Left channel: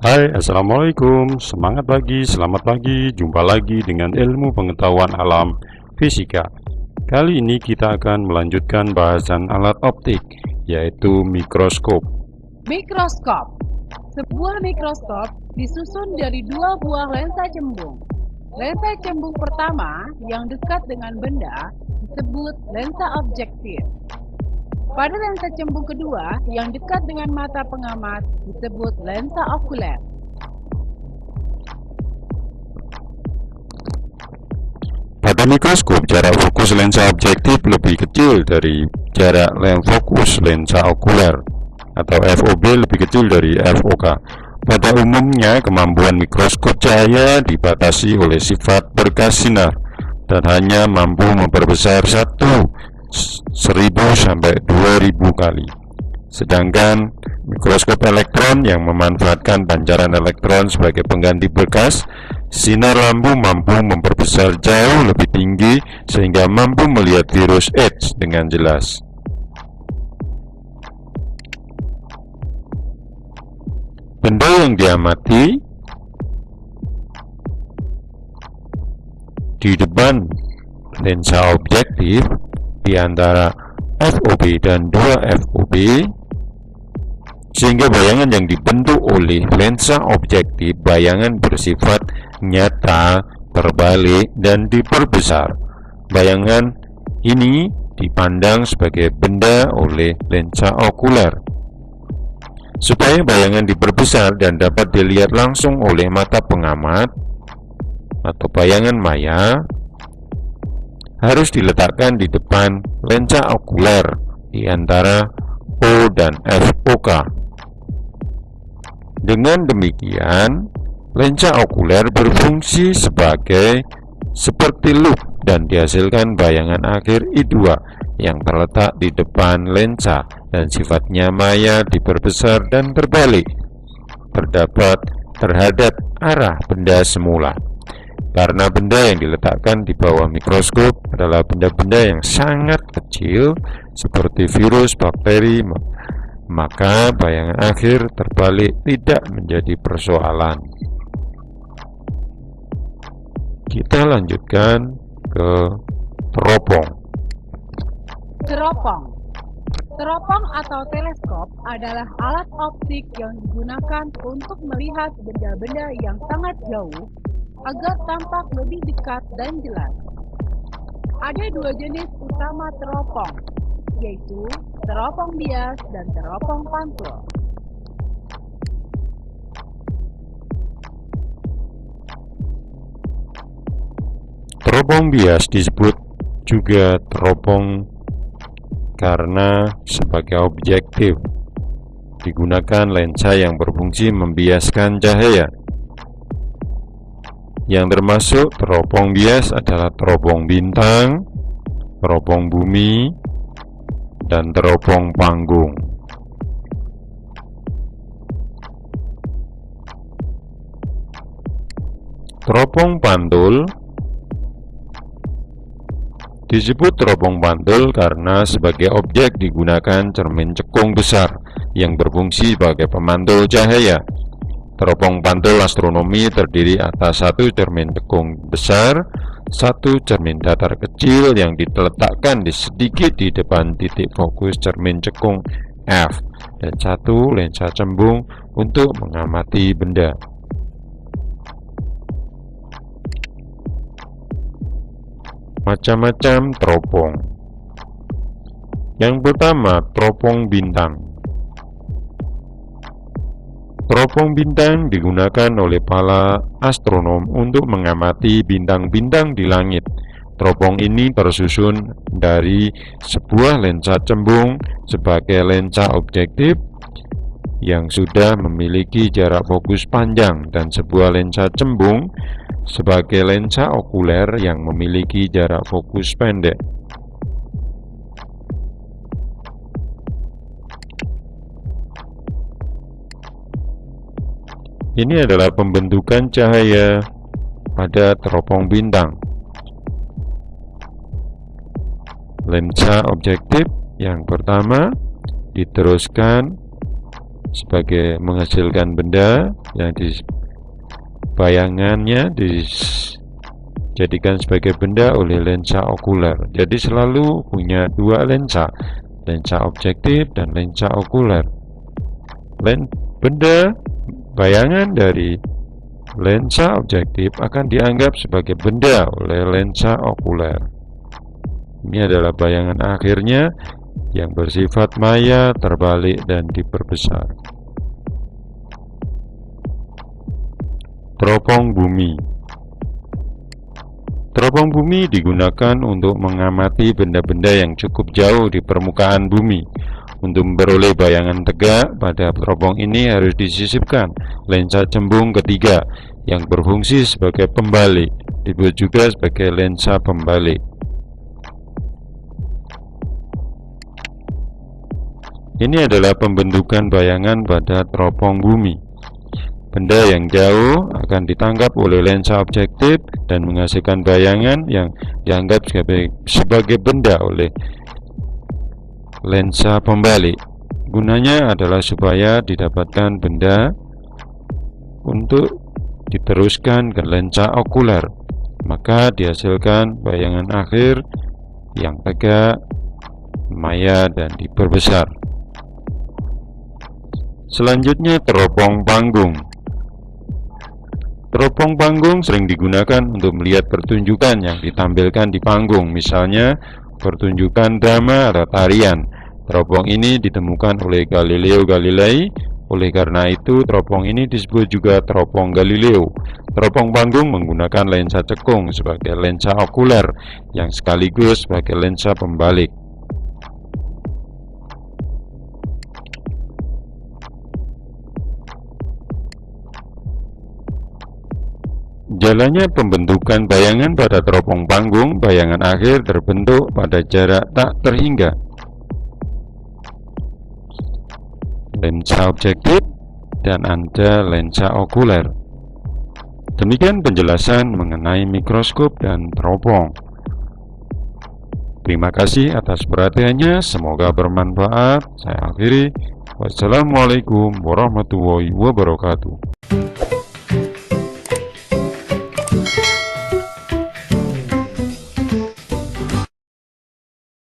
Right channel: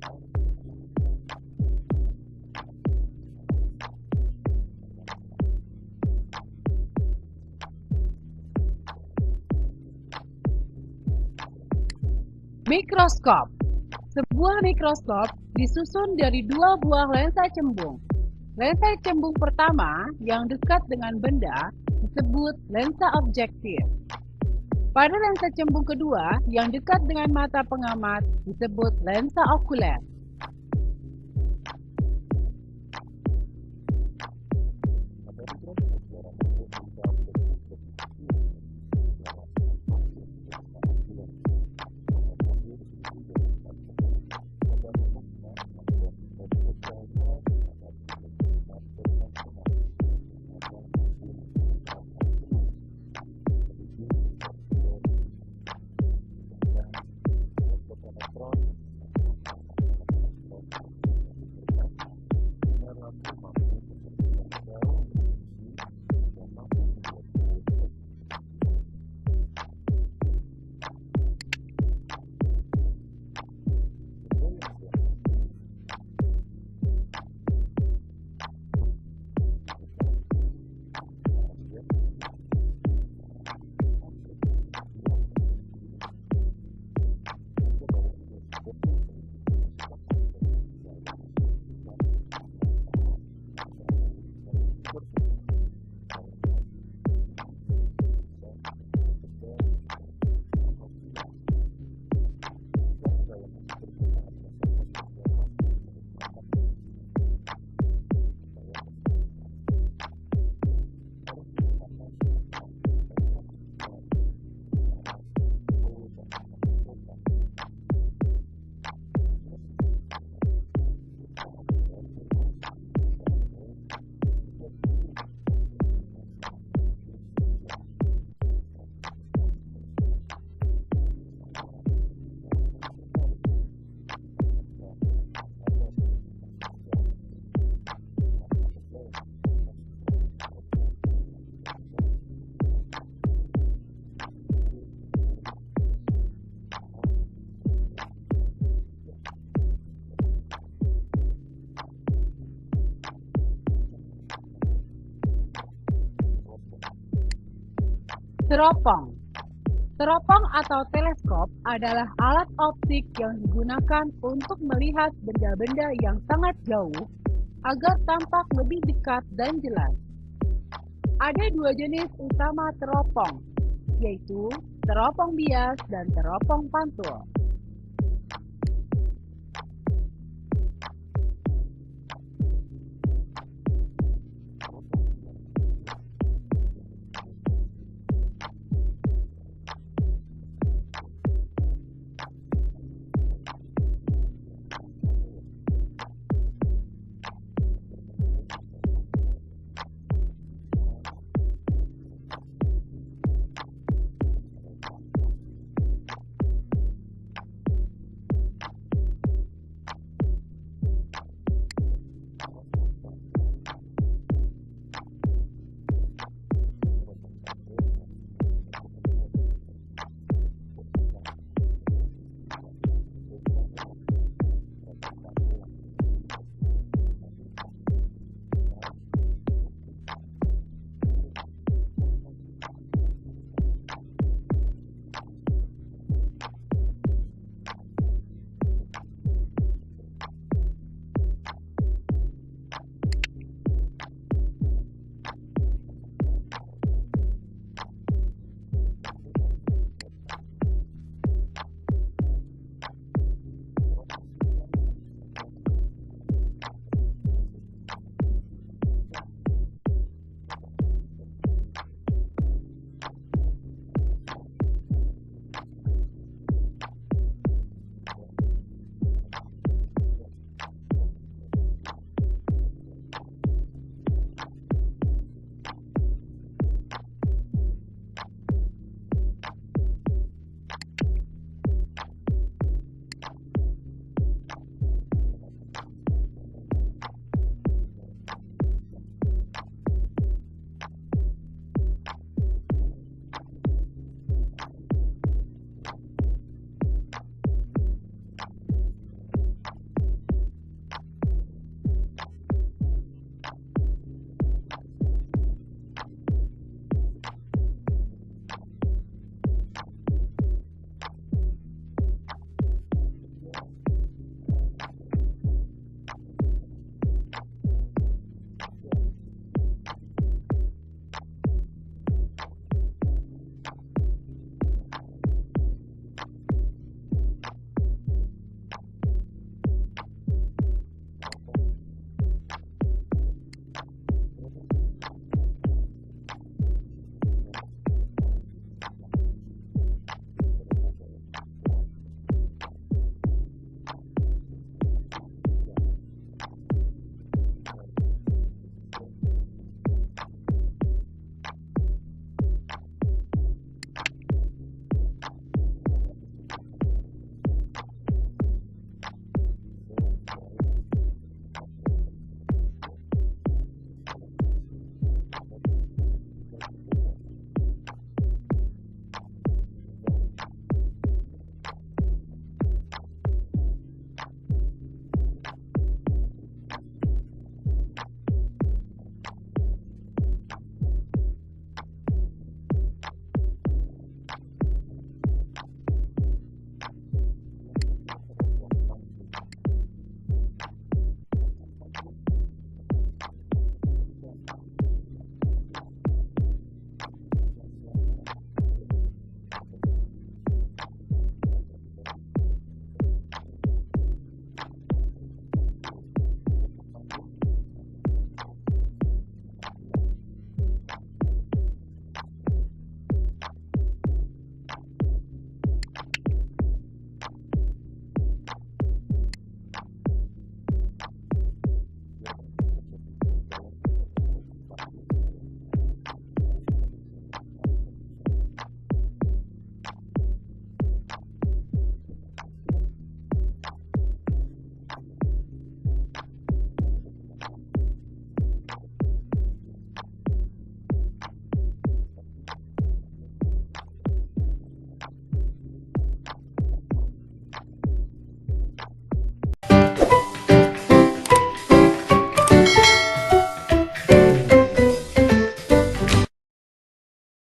Hai, Assalamualaikum. Semangat pagi, selamat pagi. Jumpa lagi dengan ilmu pengetahuan alam fisika. Kali ini kita akan melanjutkan bahasan alat optik, yaitu mikroskop. Mikroskop. Sebuah mikroskop disusun dari dua buah lensa cembung. Lensa cembung pertama yang dekat dengan benda disebut lensa objektif. Pada lensa cembung kedua yang dekat dengan mata pengamat disebut lensa okuler. Pada mikroskop, jarak fokus lensa objektif lebih kecil dari jarak fokus lensa okuler, atau FOB lebih kecil dari FOK. Pada umumnya, kemampuan mikroskop cahaya dibatasi oleh sifat berkas sinar dan hanya mampu memperbesar 1000 sampai 2000 kali. Sedangkan mikroskop elektron yang memanfaatkan pancaran elektron sebagai pengganti berkas, sinar lampu mampu memperbesar jauh lebih tinggi sehingga mampu melihat virus AIDS dengan jelas. Benda yang diamati di depan lensa objektif di antara FOB dan 2 FOB, sehingga bayangan yang dibentuk oleh lensa objektif bayangan bersifat nyata, terbalik, dan diperbesar. Bayangan ini dipandang sebagai benda oleh lensa okuler. Supaya bayangan diperbesar dan dapat dilihat langsung oleh mata pengamat atau bayangan maya, harus diletakkan di depan lensa okuler di antara O dan FOK. Dengan demikian, lensa okuler berfungsi seperti loop dan dihasilkan bayangan akhir I2 yang terletak di depan lensa dan sifatnya maya, diperbesar dan terbalik terhadap arah benda semula. Karena benda yang diletakkan di bawah mikroskop adalah benda-benda yang sangat kecil seperti virus, bakteri, maka bayangan akhir terbalik tidak menjadi persoalan. Kita lanjutkan ke teropong. Teropong atau teleskop adalah alat optik yang digunakan untuk melihat benda-benda yang sangat jauh agar tampak lebih dekat dan jelas. Ada dua jenis utama teropong, yaitu teropong bias dan teropong pantul. Teropong bias disebut juga teropong karena sebagai objektif digunakan lensa yang berfungsi membiaskan cahaya. Yang termasuk teropong bias adalah teropong bintang, teropong bumi, dan teropong panggung. Teropong pantul disebut teropong pantul karena sebagai objek digunakan cermin cekung besar yang berfungsi sebagai pemantul cahaya. Teropong pantul astronomi terdiri atas satu cermin cekung besar, satu cermin datar kecil yang diletakkan sedikit di depan titik fokus cermin cekung F, dan satu lensa cembung untuk mengamati benda. Macam-macam teropong. Yang pertama, teropong bintang. Teropong bintang digunakan oleh para astronom untuk mengamati bintang-bintang di langit. Teropong ini tersusun dari sebuah lensa cembung sebagai lensa objektif yang sudah memiliki jarak fokus panjang dan sebuah lensa cembung sebagai lensa okuler yang memiliki jarak fokus pendek. Ini adalah pembentukan cahaya pada teropong bintang. Lensa objektif yang pertama diteruskan sebagai menghasilkan benda yang di bayangannya dijadikan sebagai benda oleh lensa okuler. Jadi selalu punya dua lensa, lensa objektif dan lensa okuler. Benda bayangan dari lensa objektif akan dianggap sebagai benda oleh lensa okuler. Ini adalah bayangan akhirnya yang bersifat maya, terbalik, dan diperbesar. Teropong bumi. Teropong bumi digunakan untuk mengamati benda-benda yang cukup jauh di permukaan bumi. Untuk memperoleh bayangan tegak, pada teropong ini harus disisipkan lensa cembung ketiga yang berfungsi sebagai pembalik, disebut juga sebagai lensa pembalik. Ini adalah pembentukan bayangan pada teropong bumi. Benda yang jauh akan ditangkap oleh lensa objektif dan menghasilkan bayangan yang dianggap sebagai benda oleh lensa pembalik. Gunanya adalah supaya didapatkan benda untuk diteruskan ke lensa okuler, maka dihasilkan bayangan akhir yang tegak, maya, dan diperbesar. Selanjutnya, teropong panggung. Teropong panggung sering digunakan untuk melihat pertunjukan yang ditampilkan di panggung, misalnya pertunjukan drama atau tarian. Teropong ini ditemukan oleh Galileo Galilei. Oleh karena itu, teropong ini disebut juga teropong Galileo. Teropong panggung menggunakan lensa cekung sebagai lensa okuler yang sekaligus sebagai lensa pembalik. Jalannya pembentukan bayangan pada teropong panggung, bayangan akhir terbentuk pada jarak tak terhingga. Lensa objektif dan ada lensa okuler. Demikian penjelasan mengenai mikroskop dan teropong. Terima kasih atas perhatiannya, semoga bermanfaat. Saya akhiri. Wassalamualaikum warahmatullahi wabarakatuh.